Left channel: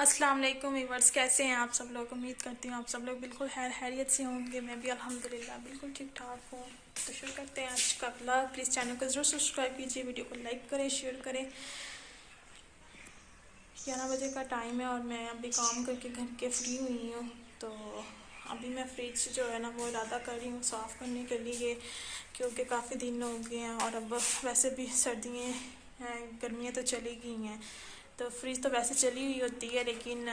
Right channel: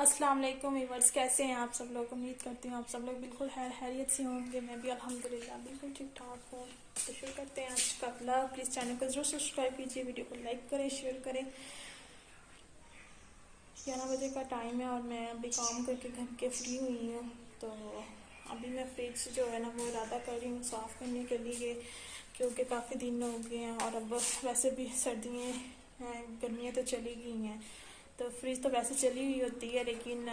अस्सलाम वालेकुम व्यूअर्स, कैसे हैं आप सब लोग। उम्मीद करती हूँ आप सब लोग बिल्कुल खैरियत से होंगे। मैं भी अल्हम्दुलिल्लाह बिल्कुल ठीक ठाक हूँ। तो शुरू करते हैं आज का ब्लॉग। प्लीज़ चैनल को ज़रूर सब्सक्राइब कीजिए, वीडियो को लाइक करें, शेयर करें। 11 बजे का टाइम है और मैं अभी काम करके घर के फ्री हुई हूँ। तो अभी मैं फ्रिज जो है ना वो इरादा कर रही हूँ साफ़ करने के लिए, क्योंकि काफ़ी दिन हो गए हैं और अब वैसे भी सर्दियाँ गर्मियाँ तो चली गई हैं। तो फ्रिज तो वैसे चली हुई होती है, लेकिन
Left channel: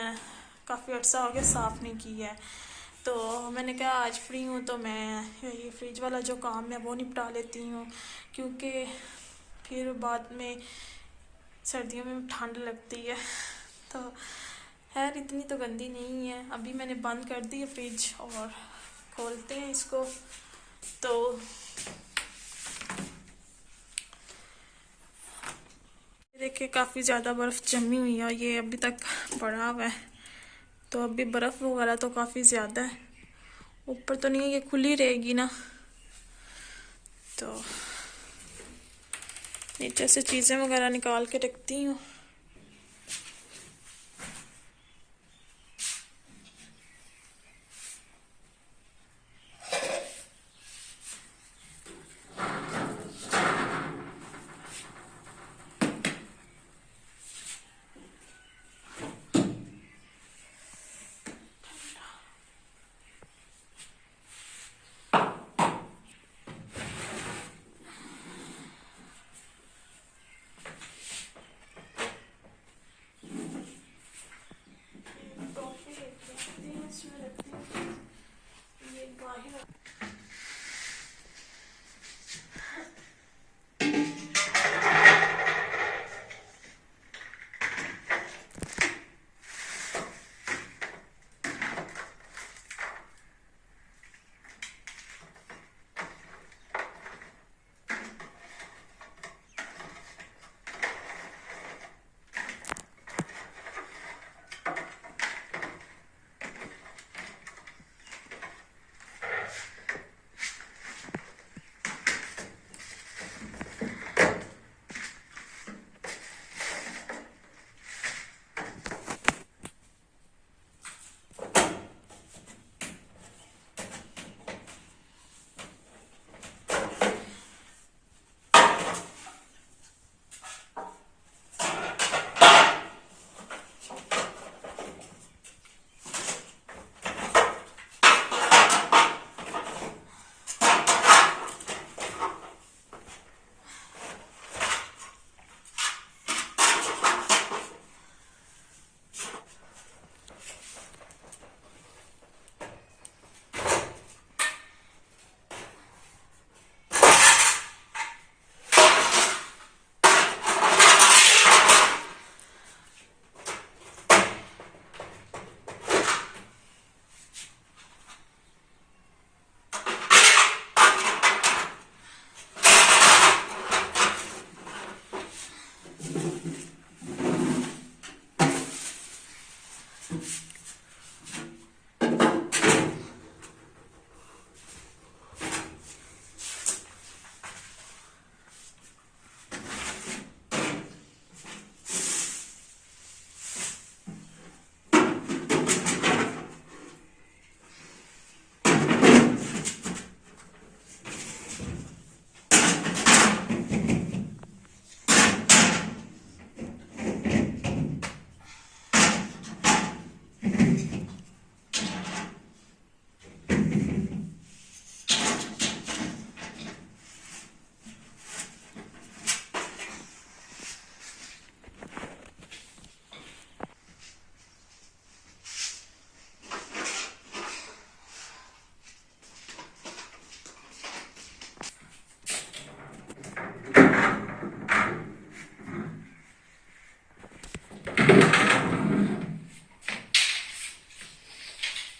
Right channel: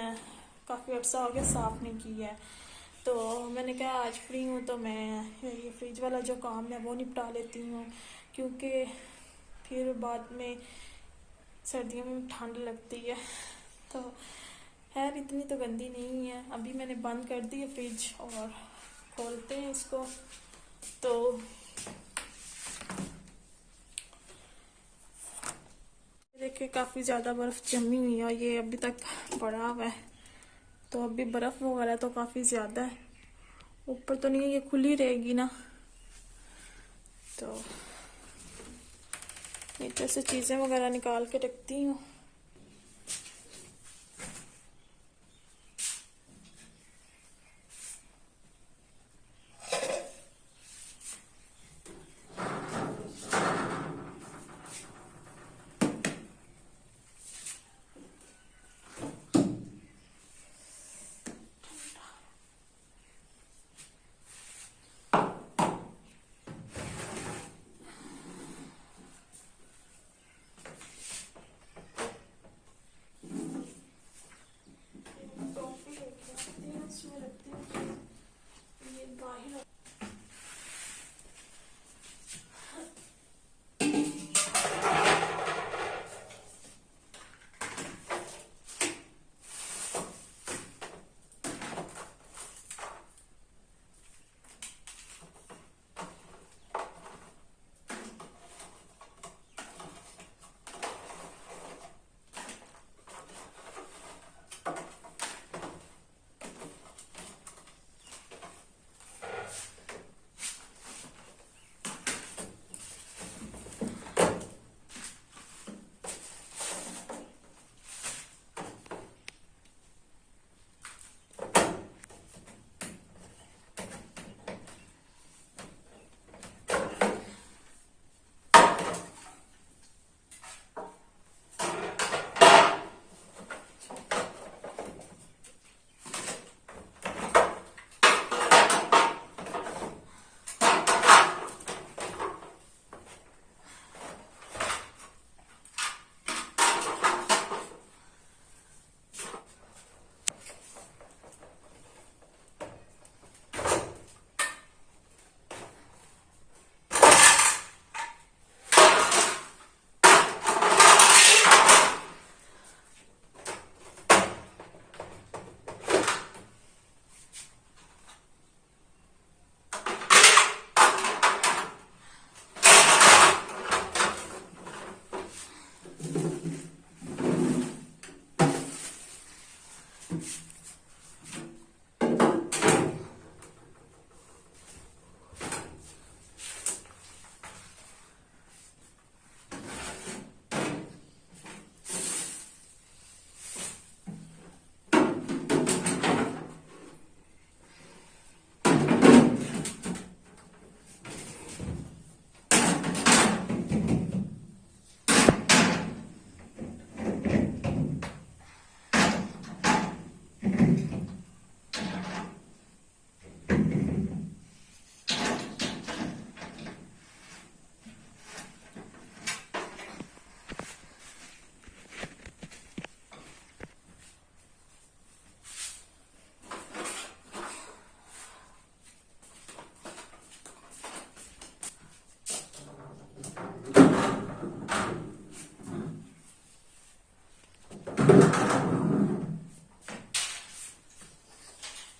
काफ़ी अर्सा हो गया साफ़ नहीं किया है। तो मैंने कहा आज फ्री हूँ तो मैं ये फ्रिज वाला जो काम है वो निपटा लेती हूँ, क्योंकि फिर बाद में सर्दियों में ठंड लगती है। तो खैर इतनी तो गंदी नहीं है। अभी मैंने बंद कर दी है फ्रिज और खोलते हैं इसको। तो देखिए काफ़ी ज़्यादा बर्फ़ जमी हुई है और ये अभी तक पड़ा हुआ है। तो अभी बर्फ़ वगैरह तो काफ़ी ज़्यादा है। ऊपर तो नहीं है, ये खुली रहेगी ना। तो नीचे से चीज़ें वगैरह निकाल के रखती हूँ।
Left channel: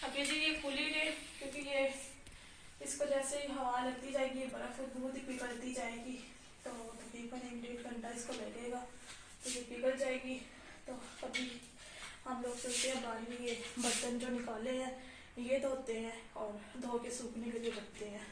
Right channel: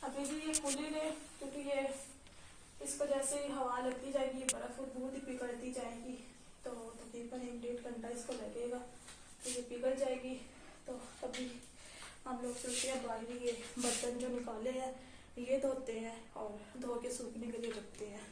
अभी जी ये खुली रहे, क्योंकि ये इसको जैसे ही हवा लगती जाएगी बर्फ दूध ही पिघलती जाएगी। तो तकरीबन 1-1.5 घंटा इसको लगेगा, तो ये पिघल जाएगी। तो तभी हम लोग सोचते हैं बाहर ये बर्तन जो निकाले हैं ये धोते हैं और धो के सूखने के लिए रखते हैं।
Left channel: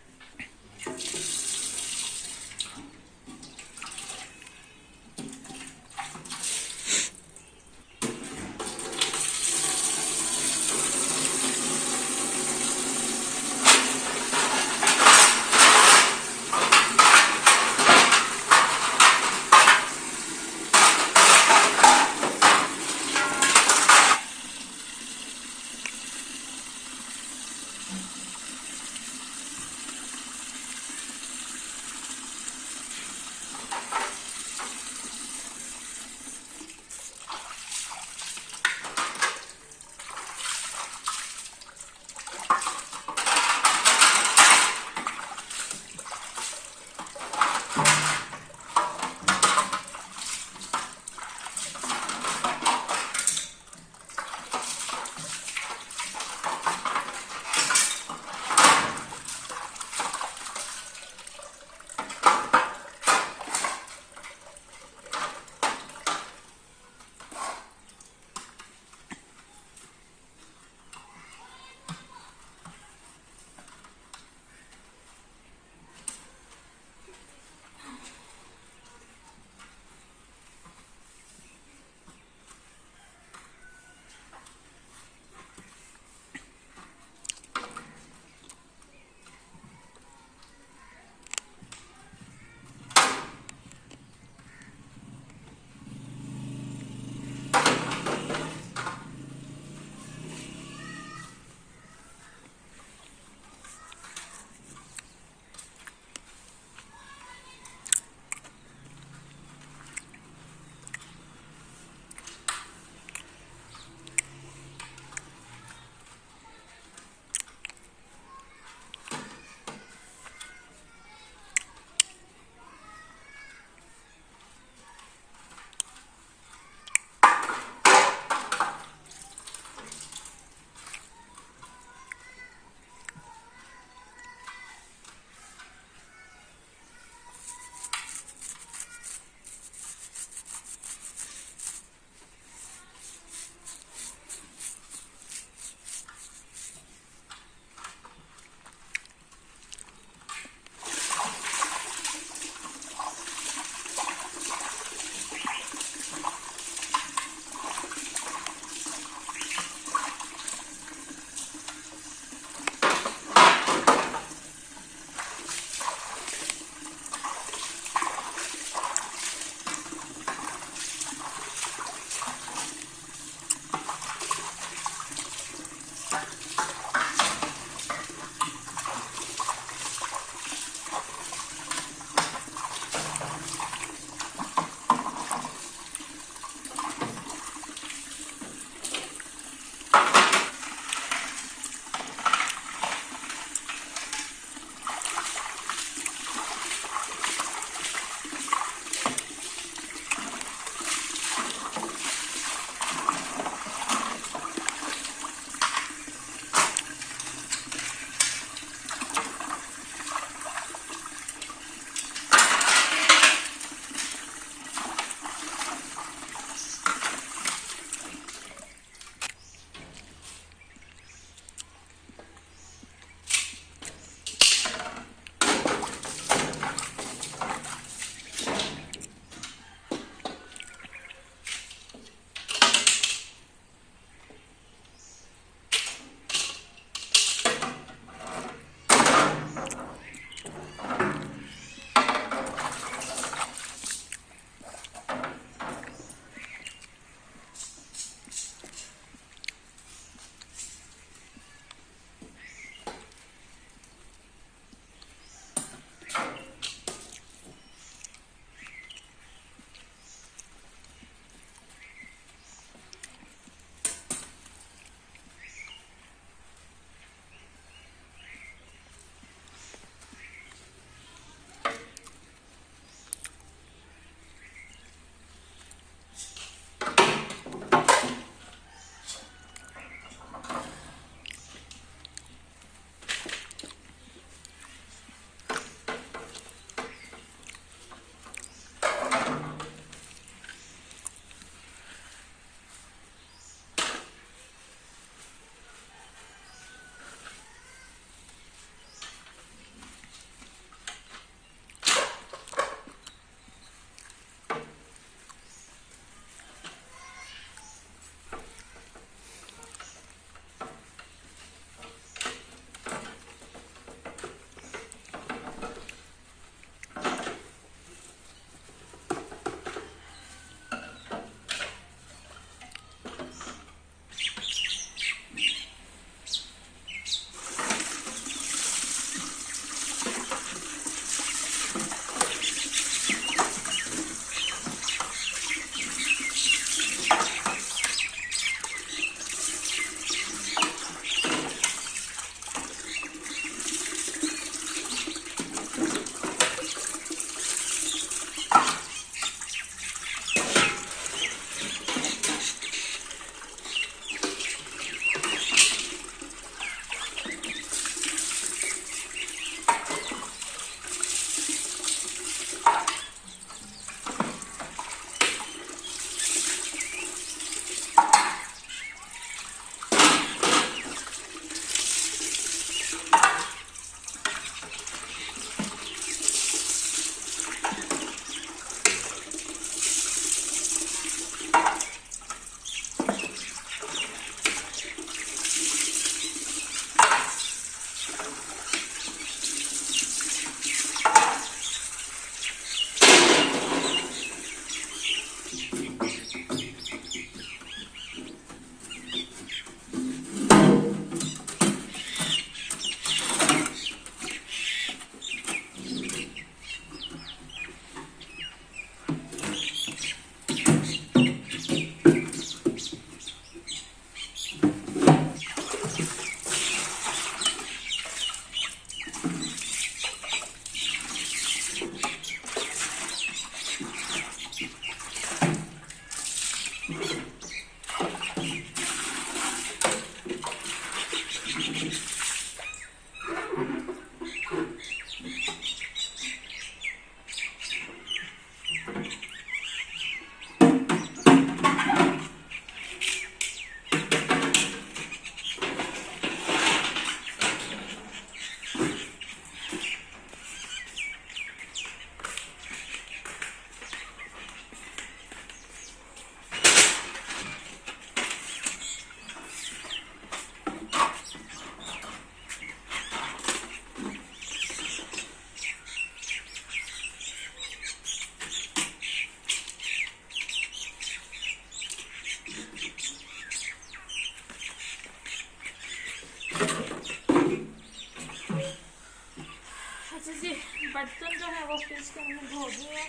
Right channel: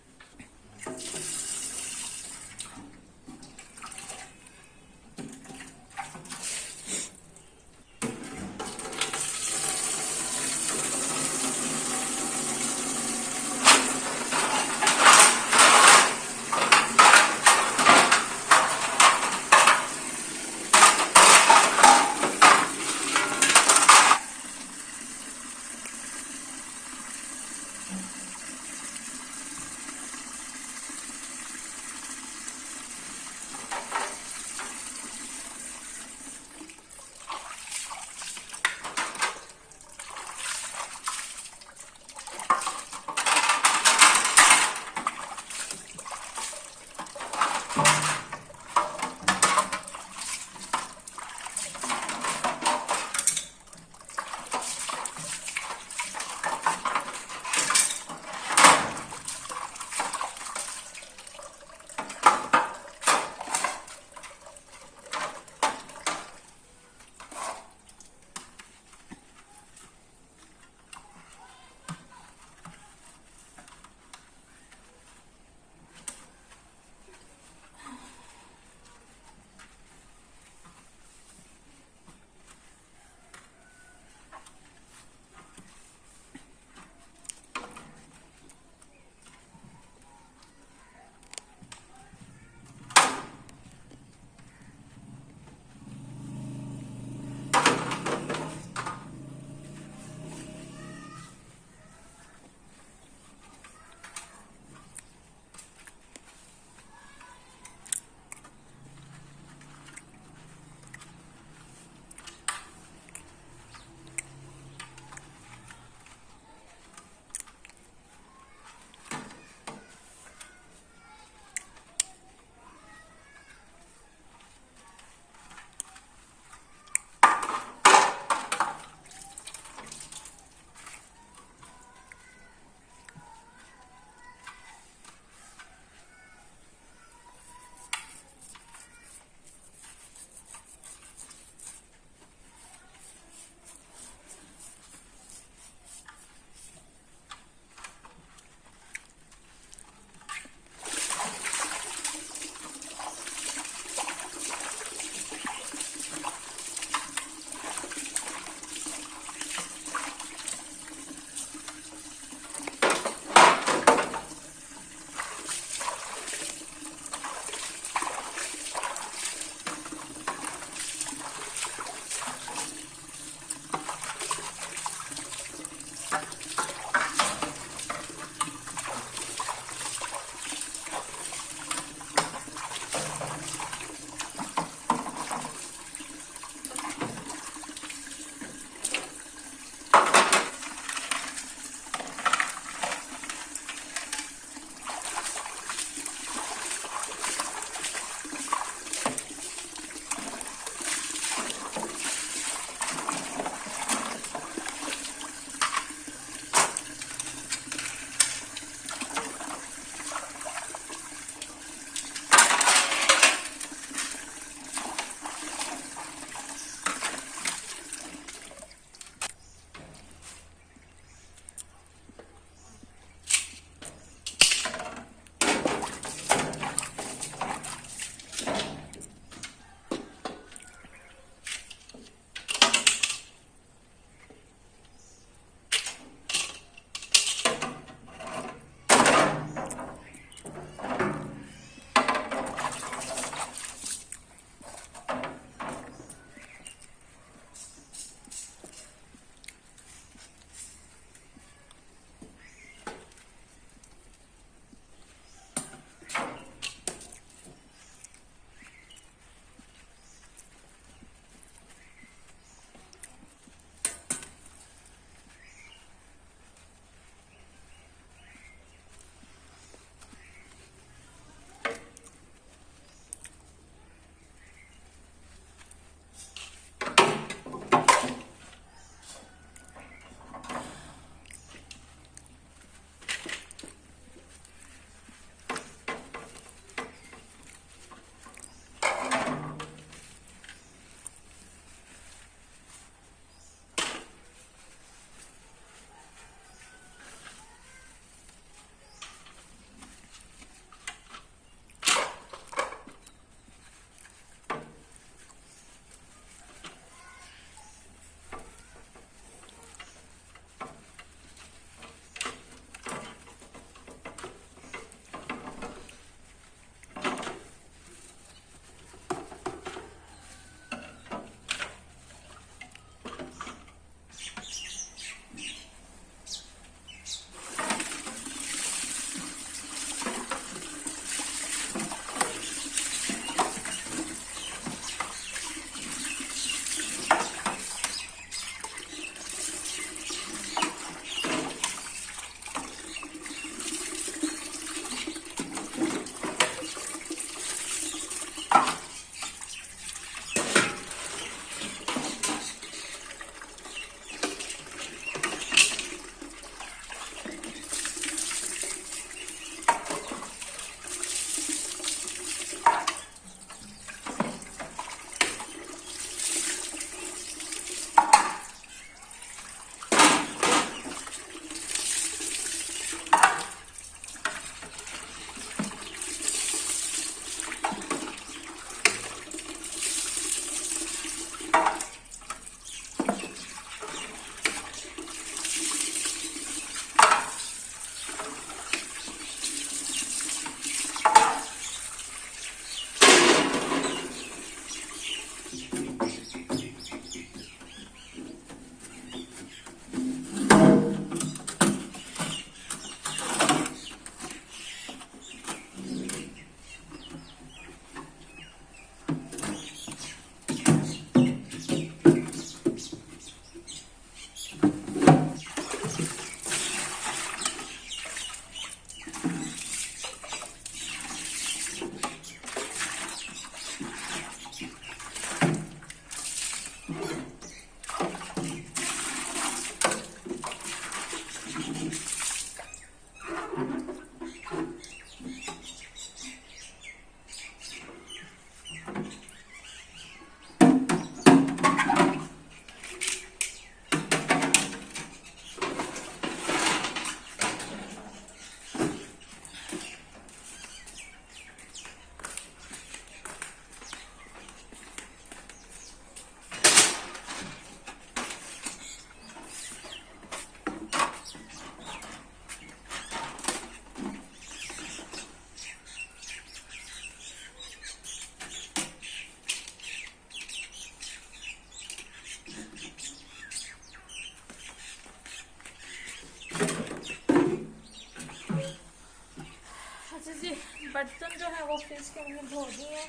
तो फ्रिज के मैंने धो दिए हैं,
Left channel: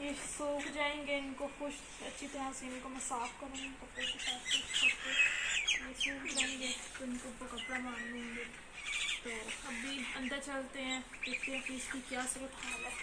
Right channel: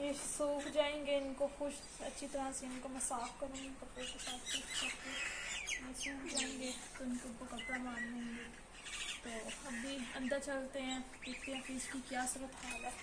ये सूख जाएंगे, इनको खुश अच्छी तरह से इनको मैं साफ़ करूँगी कपड़े के साथ ये सूख जाएंगे, तो इनको ऊपर कपड़ा मार लेंगे। तो अभी अंदर चलते हैं, देखते हैं कि इसकी क्या सूरत हाल है।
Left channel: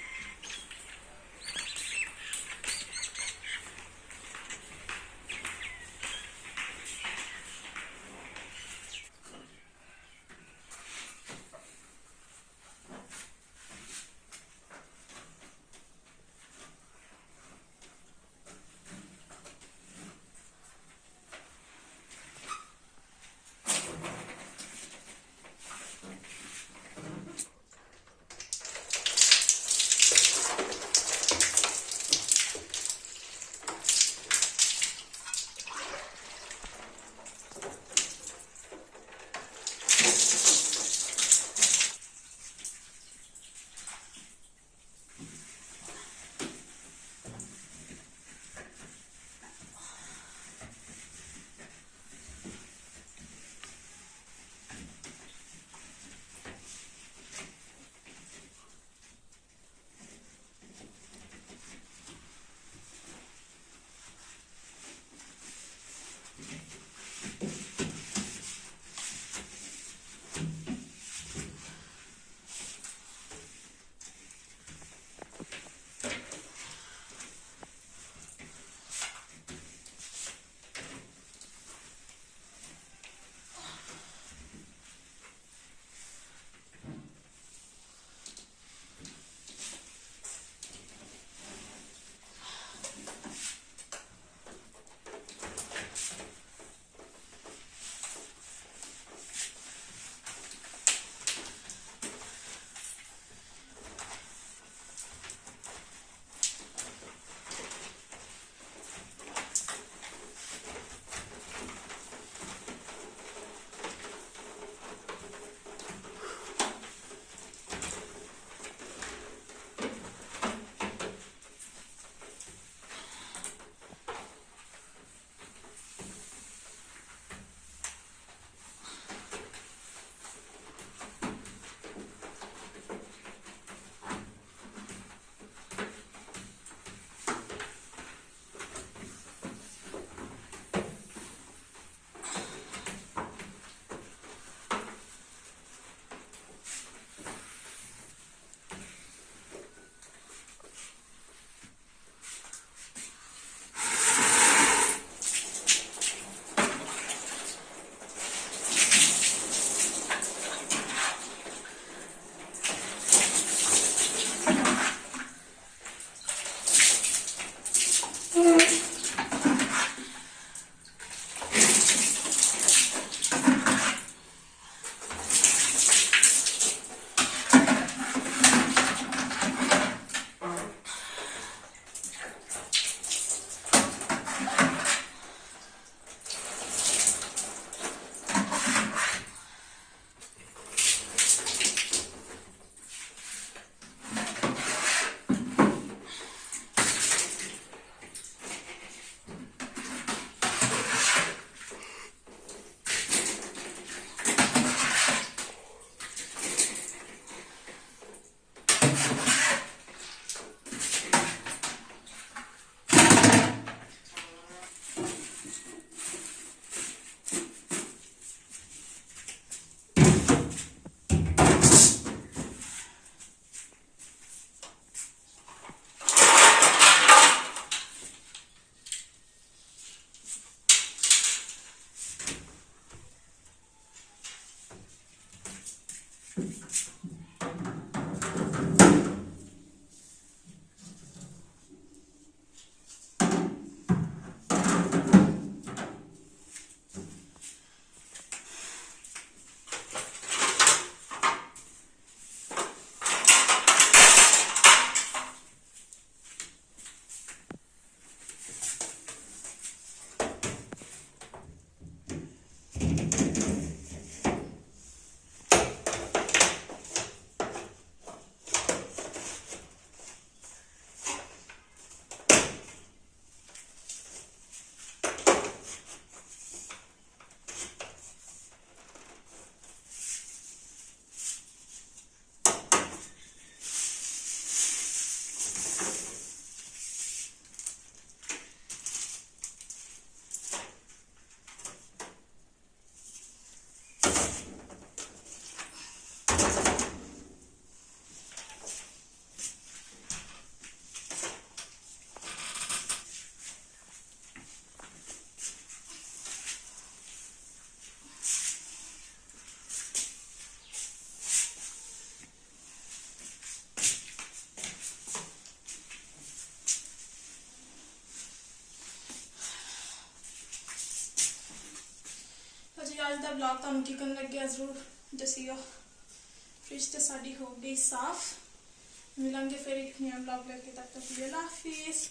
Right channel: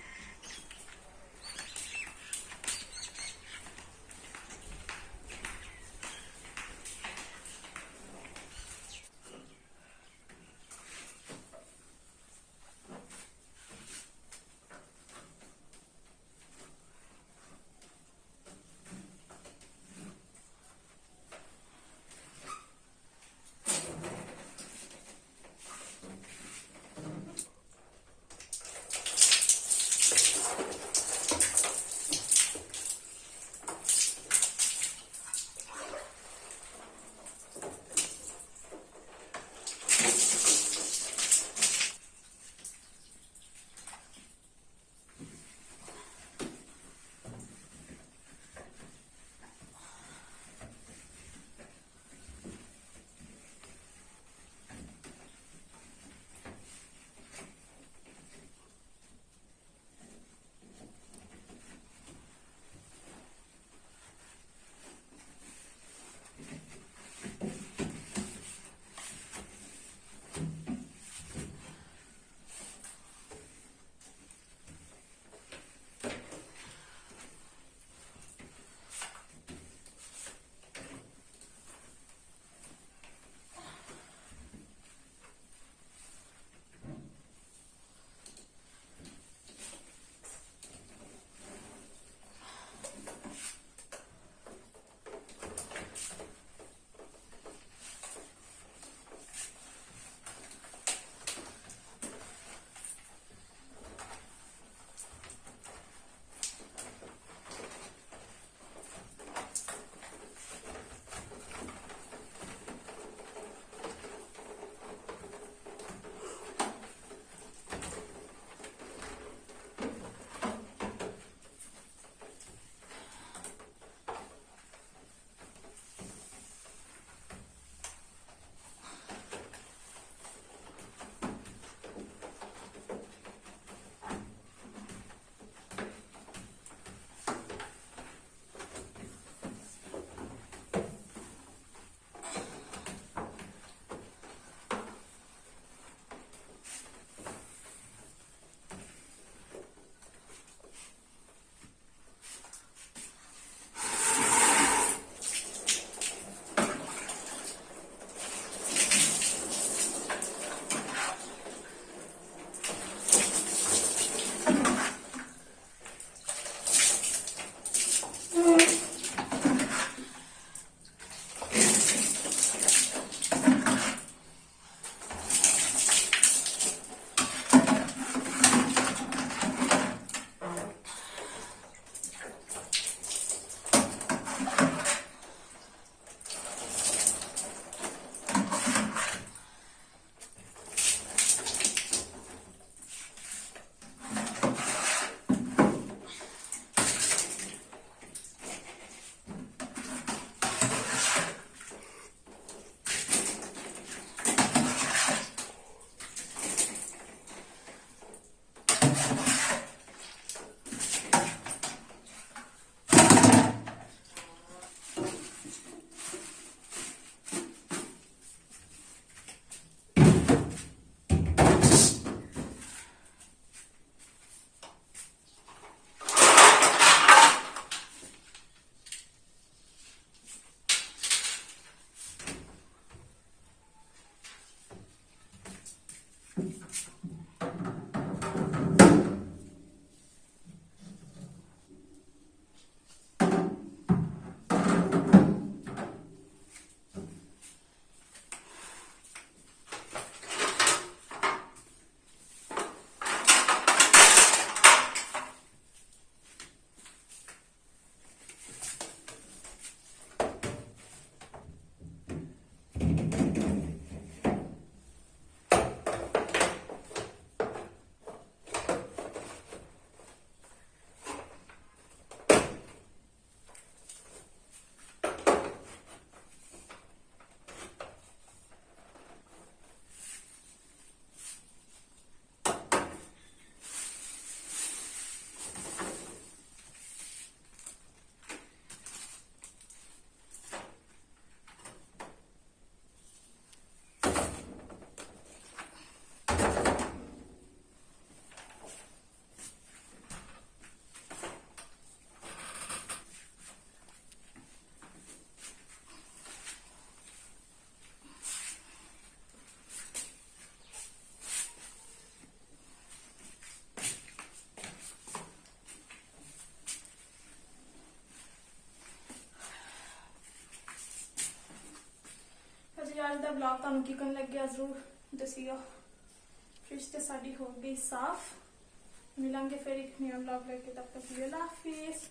जी अज का ब्लॉग तुहानू किकन लग्या जरूर दसियो। फ्रिज तो साड़ी हो गई साफ। मिलेंगे फिर एक नया ब्लॉग लेके, तब तक के लिए अल्लाह हाफिज़।